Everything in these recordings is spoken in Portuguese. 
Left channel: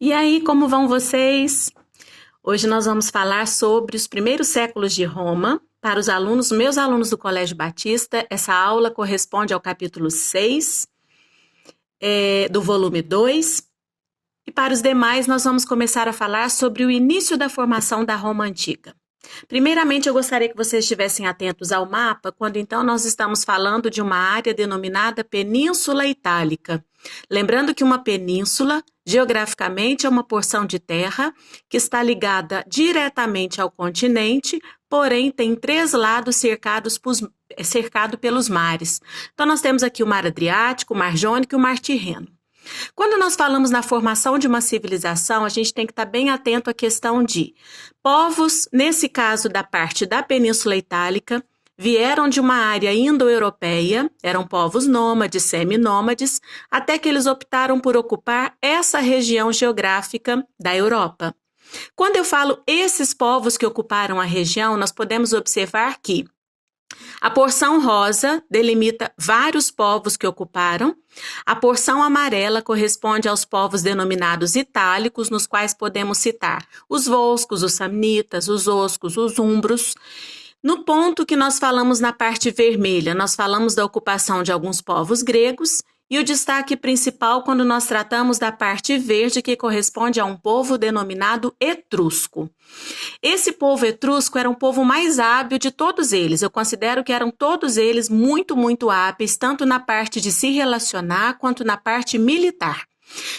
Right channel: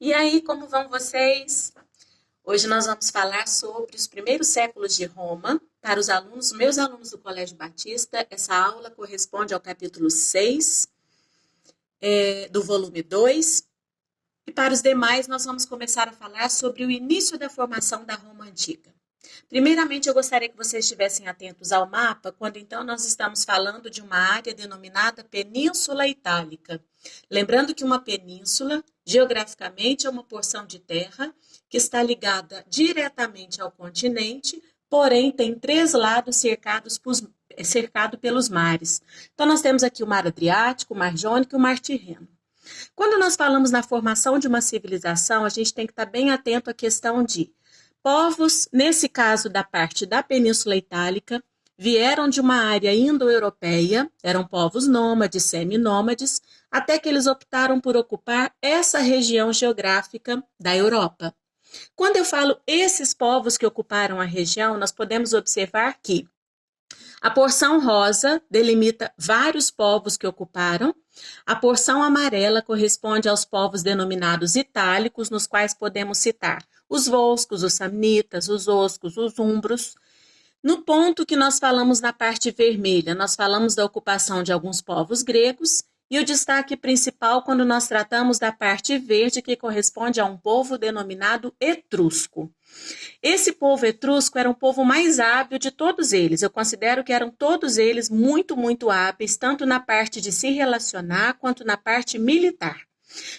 E aí, como vão vocês? Hoje nós vamos falar sobre os primeiros séculos de Roma. Para os alunos, meus alunos do Colégio Batista, essa aula corresponde ao capítulo 6, do volume 2. E para os demais, nós vamos começar a falar sobre o início da formação da Roma Antiga. Primeiramente, eu gostaria que vocês estivessem atentos ao mapa, quando então nós estamos falando de uma área denominada Península Itálica. Lembrando que uma península, geograficamente, é uma porção de terra que está ligada diretamente ao continente, porém tem três lados cercado pelos mares. Então, nós temos aqui o Mar Adriático, o Mar Jônico e o Mar Tirreno. Quando nós falamos na formação de uma civilização, a gente tem que estar bem atento à questão de povos, nesse caso da parte da Península Itálica, vieram de uma área indo-europeia, eram povos nômades, seminômades, até que eles optaram por ocupar essa região geográfica da Europa. Quando eu falo esses povos que ocuparam a região, nós podemos observar que a porção rosa delimita vários povos que ocuparam. A porção amarela corresponde aos povos denominados itálicos, nos quais podemos citar os volscos, os samnitas, os oscos, os umbros. No ponto que nós falamos na parte vermelha, nós falamos da ocupação de alguns povos gregos, e o destaque principal quando nós tratamos da parte verde, que corresponde a um povo denominado etrusco. Esse povo etrusco era um povo mais hábil de todos eles. Eu considero que eram todos eles muito hábeis, tanto na parte de se relacionar quanto na parte militar.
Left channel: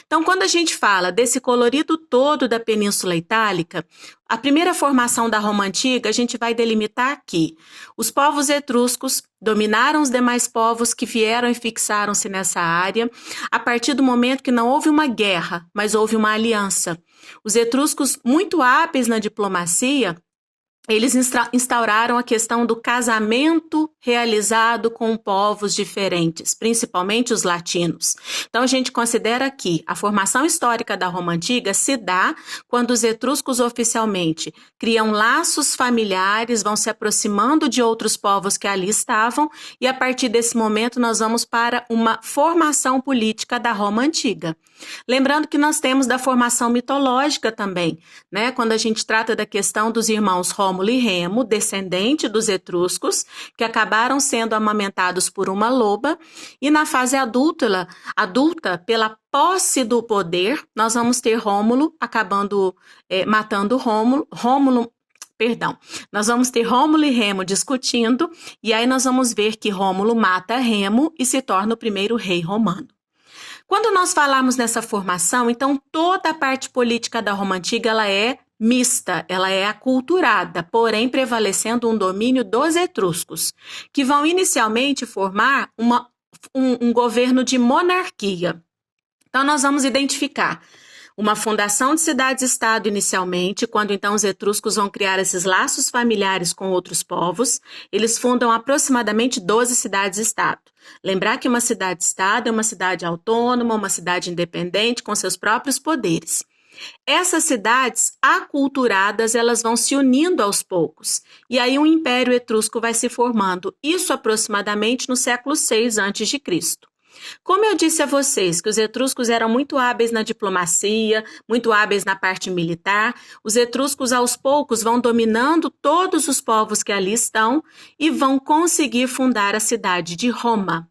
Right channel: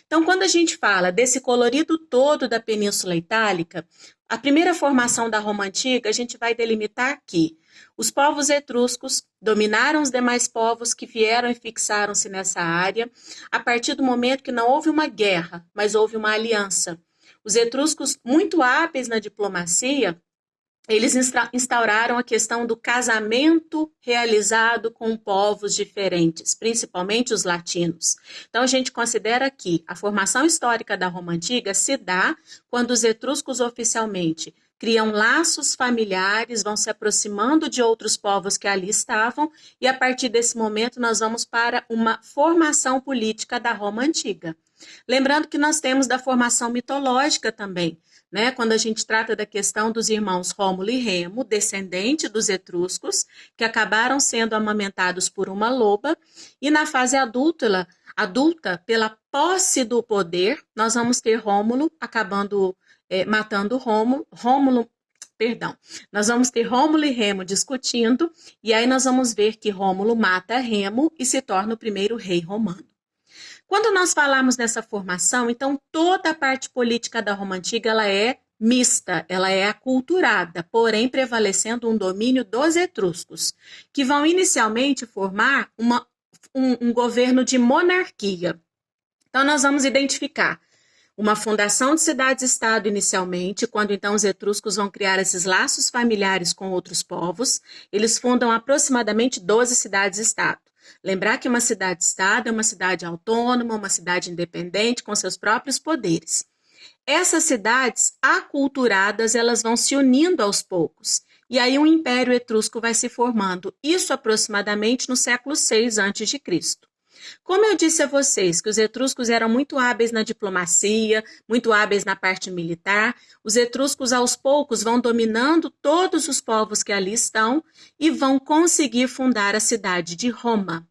Então, quando a gente fala desse colorido todo da Península Itálica, a primeira formação da Roma Antiga, a gente vai delimitar aqui. Os povos etruscos dominaram os demais povos que vieram e fixaram-se nessa área, a partir do momento que não houve uma guerra, mas houve uma aliança. Os etruscos, muito hábeis na diplomacia, eles instauraram a questão do casamento realizado com povos diferentes, principalmente os latinos. Então, a gente considera que a formação histórica da Roma Antiga se dá quando os etruscos oficialmente criam laços familiares, vão se aproximando de outros povos que ali estavam, e a partir desse momento nós vamos para uma formação política da Roma Antiga. Lembrando que nós temos da formação mitológica também, né? Quando a gente trata da questão dos irmãos Rômulo e Remo, descendente dos etruscos, que acabaram sendo amamentados por uma loba, e na fase adulta, pela posse do poder, nós vamos ter Rômulo acabando matando Rômulo. Nós vamos ter Rômulo e Remo discutindo, e aí nós vamos ver que Rômulo mata Remo e se torna o primeiro rei romano. Quando nós falamos nessa formação, então toda a parte política da Roma Antiga ela é mista, ela é aculturada, porém prevalecendo um domínio dos etruscos, que vão inicialmente formar um governo de monarquia. Então nós vamos identificar uma fundação de cidades-estado inicialmente, quando então os etruscos vão criar esses laços familiares com outros povos, eles fundam aproximadamente 12 cidades-estado. Lembrar que uma cidade-estado é uma cidade autônoma, uma cidade independente, com seus próprios poderes. Essas cidades aculturadas, elas vão se unindo aos poucos, e aí um império etrusco vai se formando, isso aproximadamente no século VI a.C. Como eu disse a vocês que os etruscos eram muito hábeis na diplomacia, muito hábeis na parte militar, os etruscos aos poucos vão dominando todos os povos que ali estão e vão conseguir fundar a cidade de Roma.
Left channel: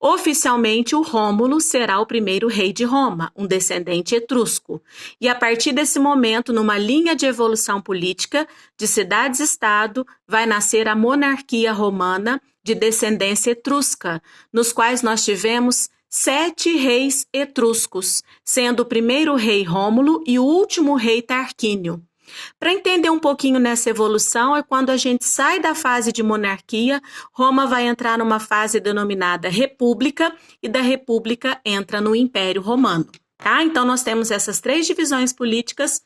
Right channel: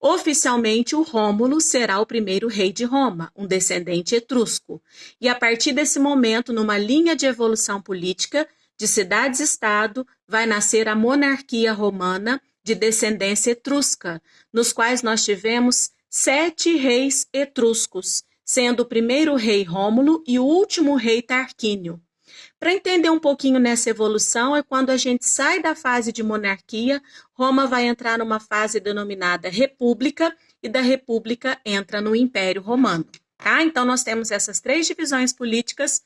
Oficialmente, o Rômulo será o primeiro rei de Roma, um descendente etrusco. E a partir desse momento, numa linha de evolução política de cidades-estado, vai nascer a monarquia romana de descendência etrusca, nos quais nós tivemos 7 reis etruscos, sendo o primeiro rei Rômulo e o último rei Tarquínio. Para entender um pouquinho nessa evolução, é quando a gente sai da fase de monarquia, Roma vai entrar numa fase denominada república, e da república entra no Império Romano. Tá? Então, nós temos essas 3 divisões políticas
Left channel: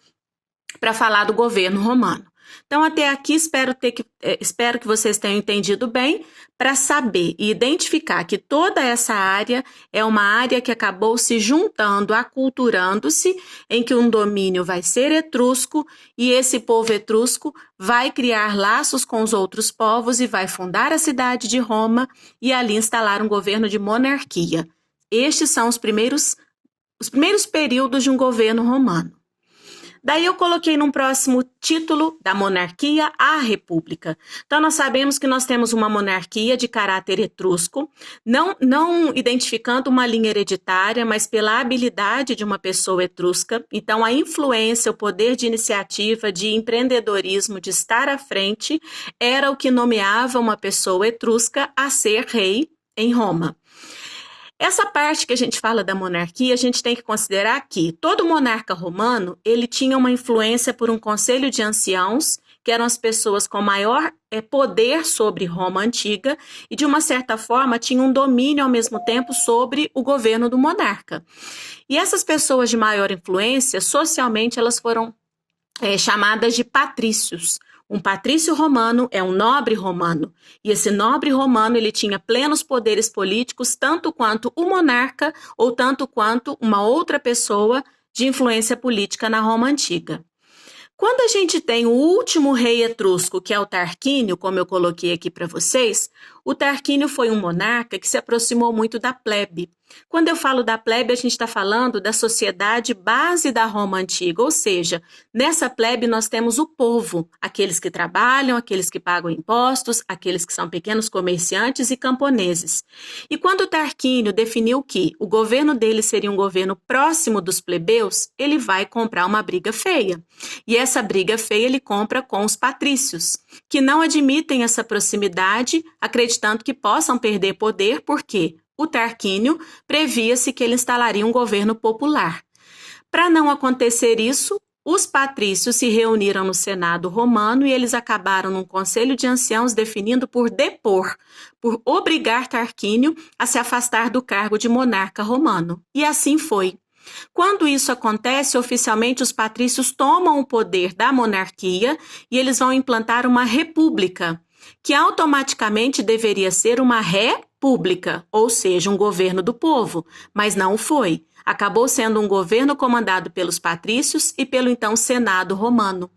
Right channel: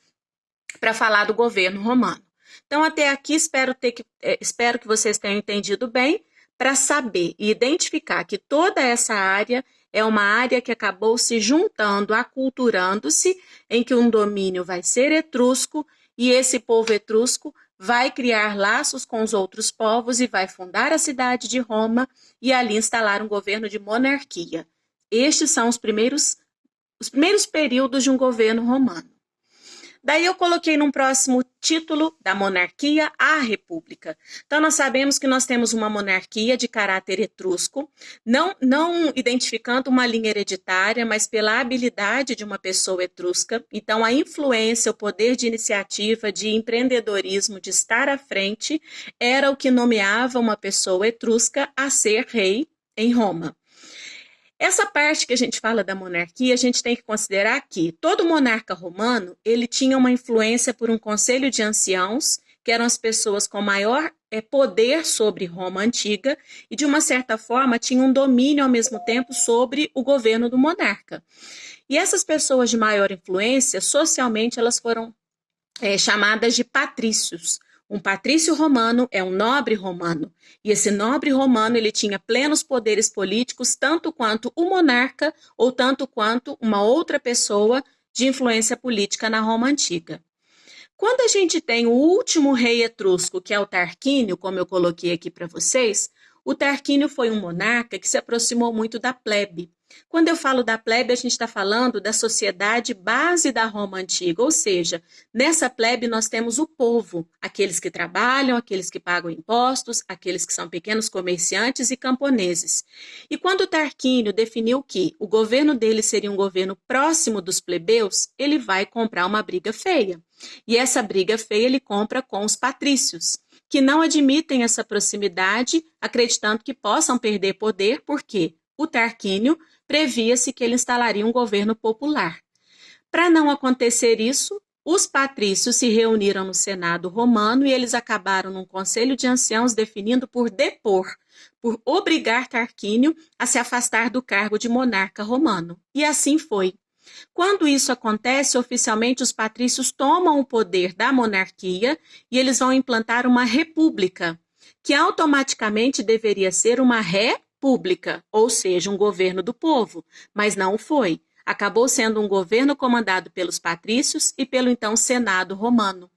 para falar do governo romano. Então, até aqui, espero que vocês tenham entendido bem, para saber e identificar que toda essa área é uma área que acabou se juntando, aculturando-se, em que um domínio vai ser etrusco, e esse povo etrusco vai criar laços com os outros povos e vai fundar a cidade de Roma e ali instalar um governo de monarquia. Estes são os primeiros os primeiros períodos de um governo romano. Daí eu coloquei num próximo título, da monarquia à república. Então nós sabemos que nós temos uma monarquia de caráter etrusco, não identificando uma linha hereditária, mas pela habilidade de uma pessoa etrusca. Então a influência, o poder de iniciativa, de empreendedorismo, de estar à frente, era o que nomeava uma pessoa etrusca a ser rei em Roma. Essa parte que a gente fala da monarquia, a gente tem que considerar que todo monarca romano, ele tinha uma influência por um conselho de anciãos, que eram as pessoas com maior poder sobre Roma antiga, e de uma certa forma tinham um domínio ao mesmo tempo sobre o governo do monarca. E essas pessoas de maior influência, socialmente, elas foram chamadas de patrícios. Um patrício romano é um nobre romano, e esse nobre romano ele tinha plenos poderes políticos, tanto quanto o monarca ou tanto quanto uma outra pessoa de influência política na Roma antiga. Quando a gente tem o último rei etrusco, que é o Tarquínio, como eu coloquei aqui para vocês, o Tarquínio foi um monarca que se aproximou muito da plebe. Quando eu falo da plebe, a gente está falando da sociedade base da Roma antiga, ou seja, nessa plebe nós temos o povo, aqueles que trabalham, aqueles que pagam impostos, aqueles que são pequenos comerciantes e camponeses. E quando o Tarquínio definiu que o governo dele seria um governo próximo dos plebeus, ele vai comprar uma briga feia. E essa briga feia ele compra com os patrícios, que não admitem essa proximidade, acreditando que possam perder poder, porque o Tarquínio previa-se que ele instalaria um governo popular. Para não acontecer isso, os patrícios se reuniram no Senado romano e eles acabaram num conselho de anciãos definindo por depor, por obrigar Tarquínio a se afastar do cargo de monarca romano. E assim foi. Quando isso acontece, oficialmente os patrícios tomam o poder da monarquia e eles vão implantar uma república, que automaticamente deveria ser uma república, ou seja, um governo do povo, mas não foi. Acabou sendo um governo comandado pelos patrícios e pelo então Senado romano.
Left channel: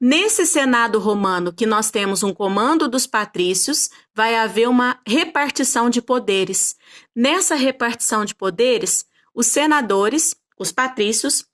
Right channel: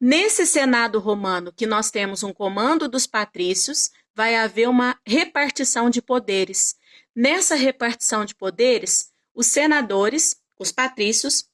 Nesse Senado romano, que nós temos um comando dos patrícios, vai haver uma repartição de poderes. Nessa repartição de poderes, os senadores, os patrícios,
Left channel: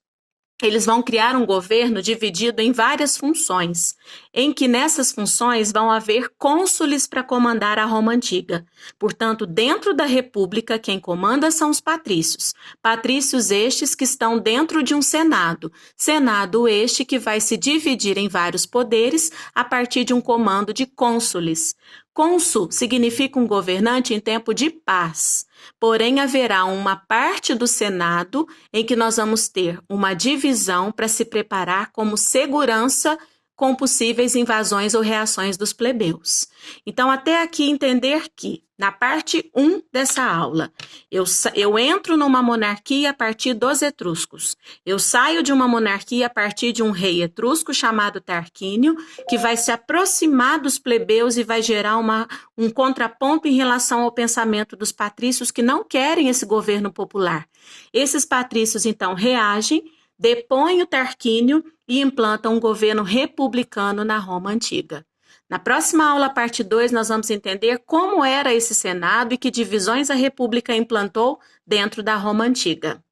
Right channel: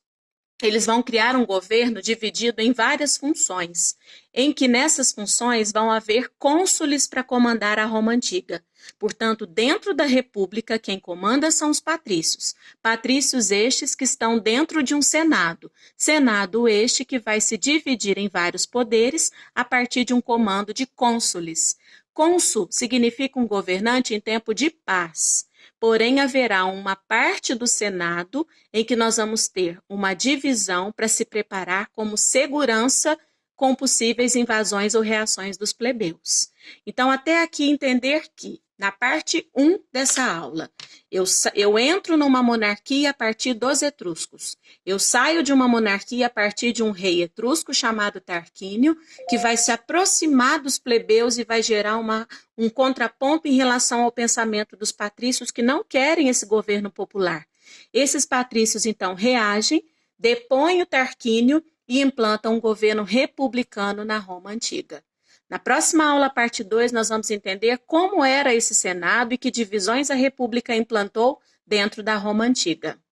eles vão criar um governo dividido em várias funções, em que nessas funções vão haver cônsules para comandar a Roma antiga. Portanto, dentro da república, quem comanda são os patrícios. Patrícios estes que estão dentro de um senado. Senado este que vai se dividir em vários poderes a partir de um comando de cônsules. Cônsul significa um governante em tempo de paz. Porém, haverá uma parte do Senado em que nós vamos ter uma divisão para se preparar como segurança com possíveis invasões ou reações dos plebeus. Então, até aqui entender que, na parte 1 dessa aula, eu entro numa monarquia a partir dos etruscos. Eu saio de uma monarquia a partir de um rei etrusco chamado Tarquínio, que vai se aproximar dos plebeus e vai gerar um contraponto em relação ao pensamento dos patrícios que não querem esse governo popular. Esses patrícios, então, reagem, depõem o Tarquínio e implantam um governo republicano na Roma antiga. Na próxima aula, parte 2, nós vamos entender como era esse Senado e que divisões a República implantou dentro da Roma antiga.